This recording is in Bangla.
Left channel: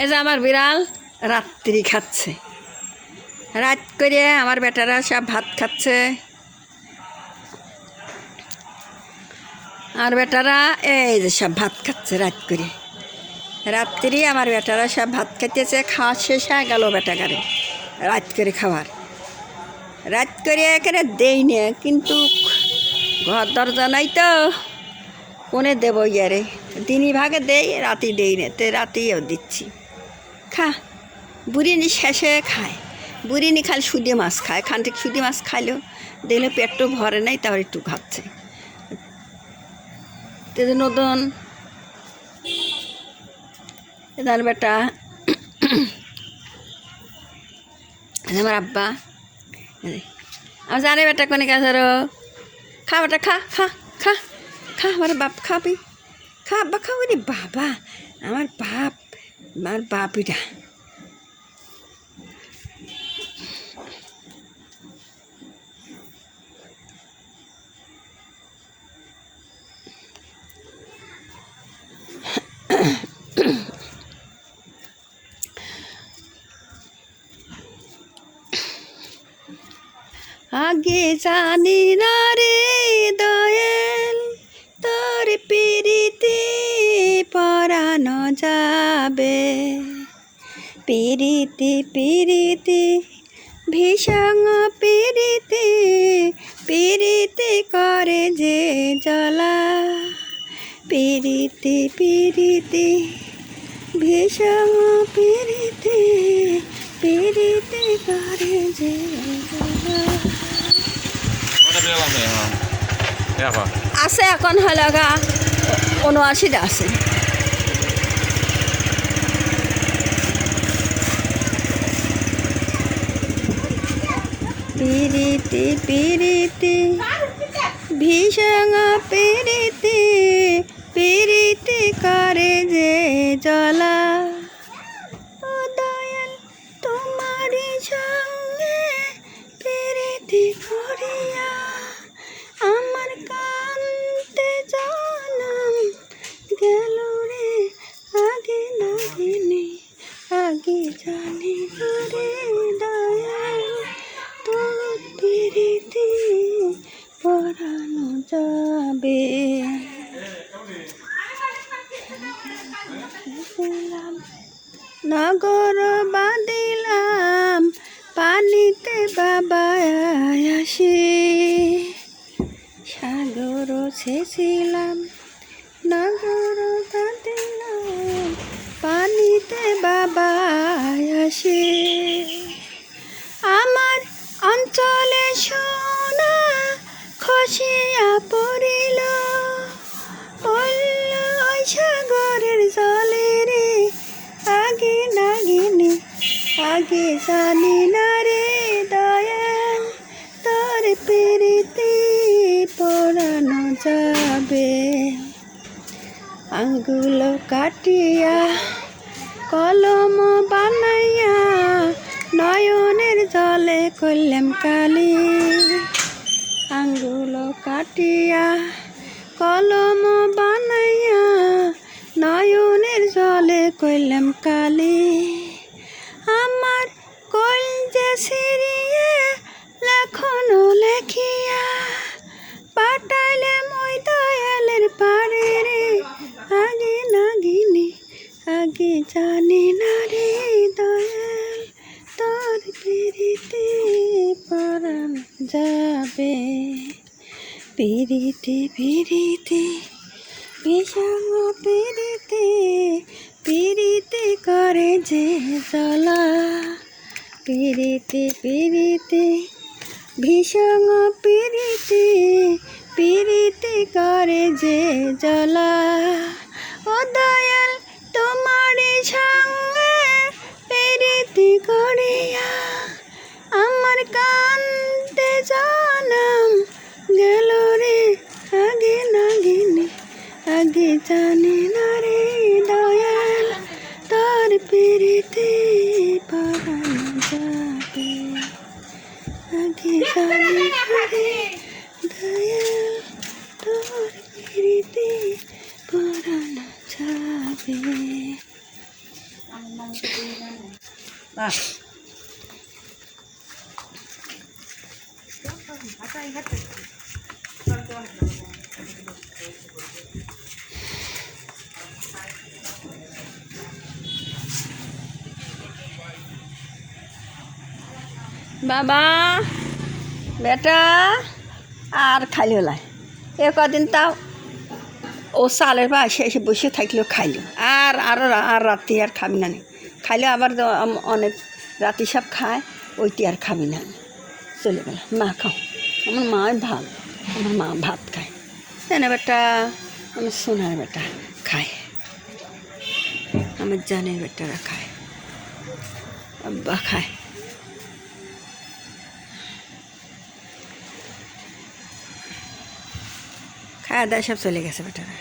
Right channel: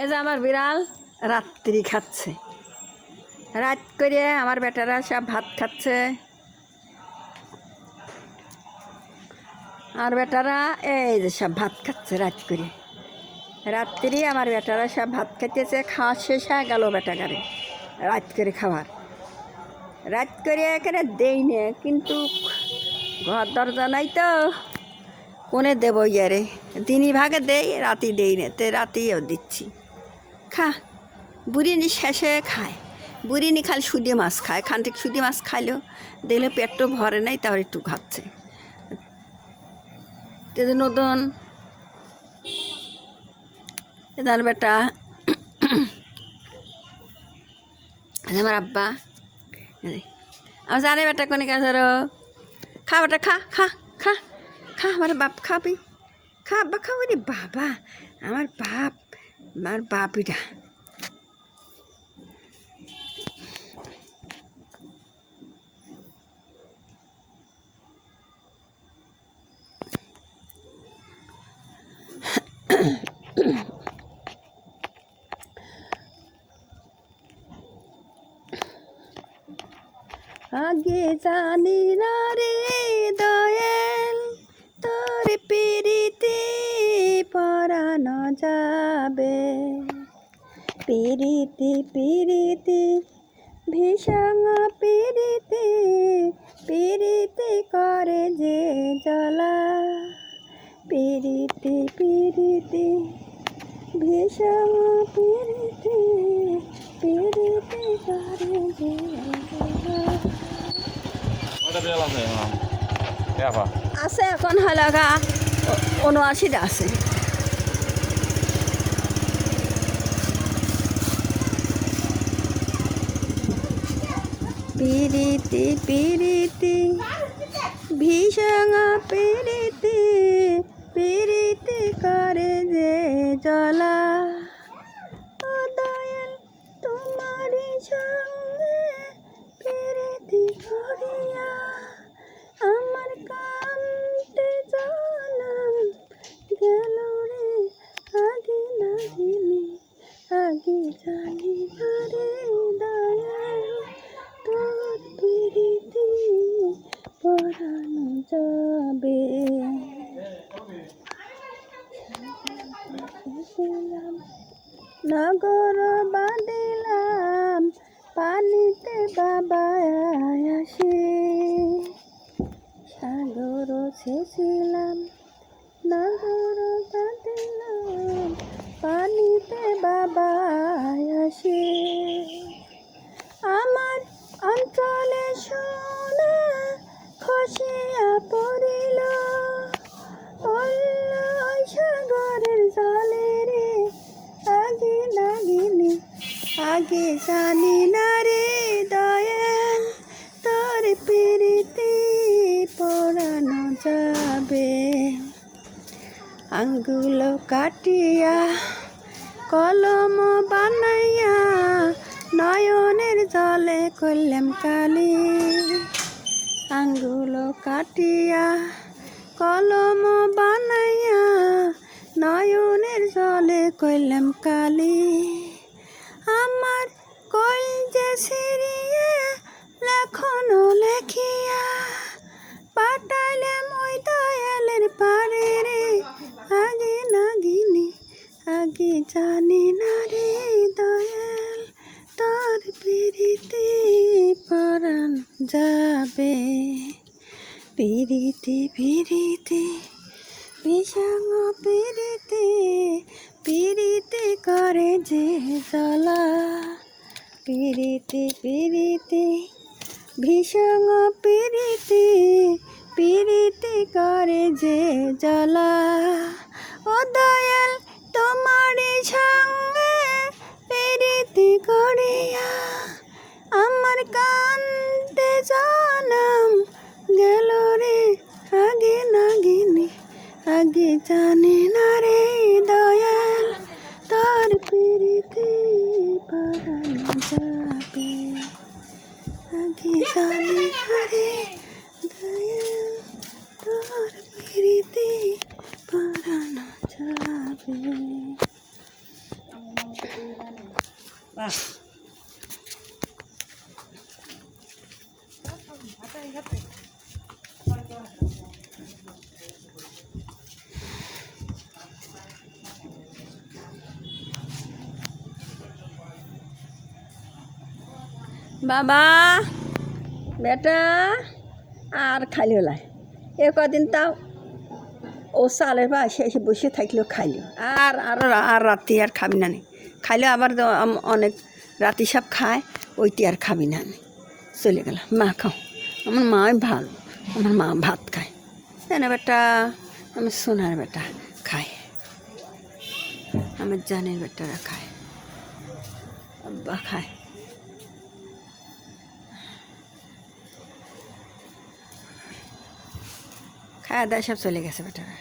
এই যে আমার বিড়াল রাত্রি খাচ্ছে, রাত করে আমার বেটারা সব ভাত খাচ্ছে। আর বেটারা এই যে সব ভাত খাচ্ছে রাত করে। রাত্রি আমার বেটারা সব ভাত খাইতেছে, খাওয়া শেষ হয়ে গেল বেটাগারে রাত করে খাবার। রাত করে এখানে দেই না, কিন্তু ঘর দরজা নাই তো কোনে দেবো ইয়ারে, দিনই ভাগে দেই, রাতি দেই না, তো রাতিও দিচ্ছি। খা, বুড়িনি শেষে খায়, বুড়িনি খালি সুদি মাছ খায়, খানটি সুদি মাছ খাইলেও দেখলে পেটও ভরে নাই, তারপর একটু খাচ্ছে। নতুন এদার বেটা আমার আব্বা আমার জানে বেটা কোনে গেছে, খা বেটা, খা খা খা খা, আমার বাপ খাবি, খা আব্বা খাবি রে বাবা, আমার বাপ এটা। আগে জানি না রে দয়াল, তোর পিরিতে পরানো যাবে, পিরিতি পিরিতি ভীষণ পিরিতি, পিরিতি করে যে জ্বালা, পিরিতি পিরিতি ভীষণ পিরিতি, পিরিতি করে যে আছে। এখন হলাগা ৭৯টা আছে। পিরিতি পিরিতি ভীষণ পিরিতি, পিরিতি করে যে জ্বালা, দয়াল তোমারই সঙ্গে পিরিতি করিয়া আমার কান্তে জানাম গেল রে, আগে নাগিনি আগে জানি রে দয়াল, তোর পিরিতি পরানো যাবে। নগর বাঁধিলাম পানিতে বাবা আসি, সাগর ছেছিলাম নগর বাঁধিলাম পানিতে বাবা আসি, আমার অঞ্চলে সোনা খসিয়া পড়িল, ওই সাগরের জলে রে, আগে নাগিনি আগে জানি না রে দয়াল, তোর পিরিতি পরানো যাবে। আঙ্গুল কাটিয়া কলম বানাইয়া নয়নের জলে করলাম কালি, আঙ্গুল কাটিয়া কলম বানাইয়া নয়নের জলে করলাম কালি, আমার কলজে সিরিয়ে লেখনো লেখিয়া পাঠাইলাম ওই দয়ালের পারে রে, আগে নাগিনি আগে জানি না রে দয়াল, তোর পিরিতি পরানো যাবে, পিরিতি পিরিতি ভীষণ পিরিতি, পিরিতি করে যে জ্বালা, পিরিতি পিরিতি ভীষণ পিরিতি, পিরিতি করে যে জ্বালা, ও দয়াল তোমারই সঙ্গে পিরিতি করিয়া আমার কান্তে জানাম গেল রে, আগে নাগিনি আগে জানি না রে দয়াল, তোর পিরিতি পরানো যাবে, আগে জানি না রে দয়াল, তোর পিরিতি পরানো যাবে। বাবা বেটা আর খাইল লাই এ কদিন তাও ও চালের বা এসে বসে থাকলেও খাইল আর রাতি আর খাবি না নি খাইলে আবার অনেক রাতি সব খায় ওইটি আর খাবি না আমি চলে গেলাম মা খাও আমার মা ভালো আমার মা ভাত খায় জানে বেটা আমার সোনার বেটা খায় আমার জানের বেটারা খায় আব্বা খায় খাওয়া দাওয়া সব চলে গেছে বেটারা